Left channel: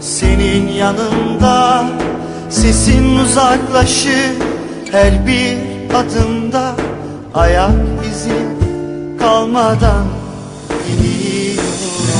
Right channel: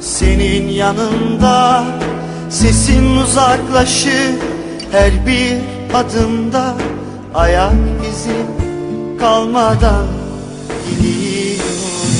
senin yanında Sesin uzaklaşır her bir adımda. Ayak izim kalmadan gidiyorum